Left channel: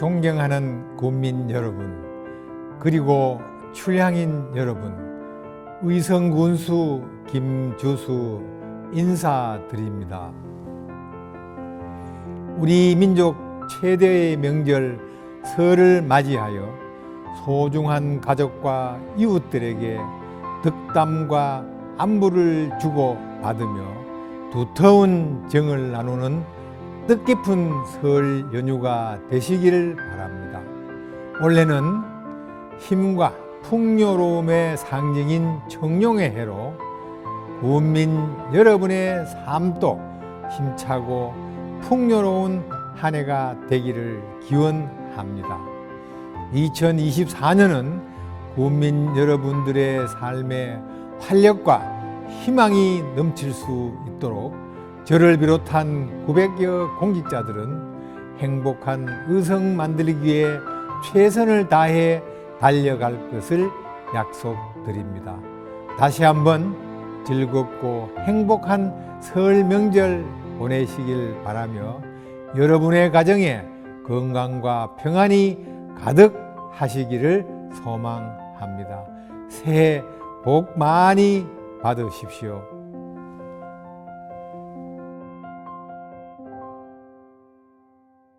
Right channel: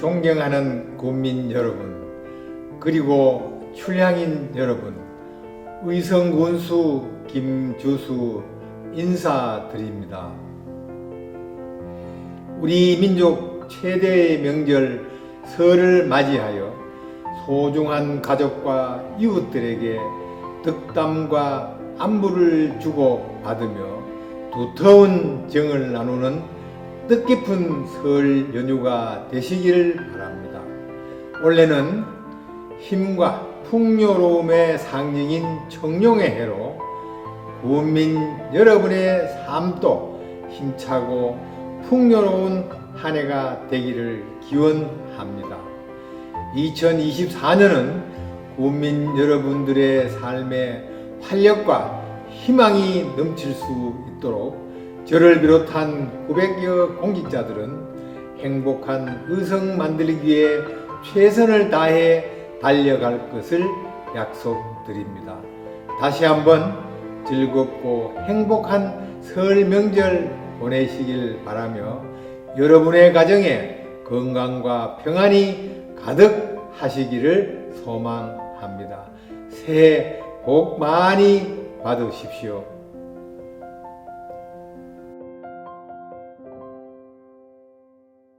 존경하는 국민 여러분, 그리고 출향인 여러분, 의성군수 김주수 인사드립니다. 우리 민족 최대의 명절 설을 맞이하여 소중한 가족과 이웃들에게 덕담과 안부를 주고 받으며 두터운 정을 나누는 뜻깊은 설 연휴가 되시길 바랍니다. 올해는 힘과 풍요로움의 상징인 청룡의 해로 국민 여러분의 삶도 힘차고 풍요로운 한 해가 되기를 기원합니다. 2024년은 국민 여러분들의 삶에 활력과 희망이 넘칠 수 있도록 저를 비롯한 900여 공직자들은 행복한 의성 만들기 위해 최선을 다해 달려갈 것을 약속드립니다. 다시 한번 즐겁고 행복한 설 명절 보내시길 바라며 여러분의 가정에 건강과 평안이 가득 하시기를 소망합니다. 새해 복 많이 받으십시오.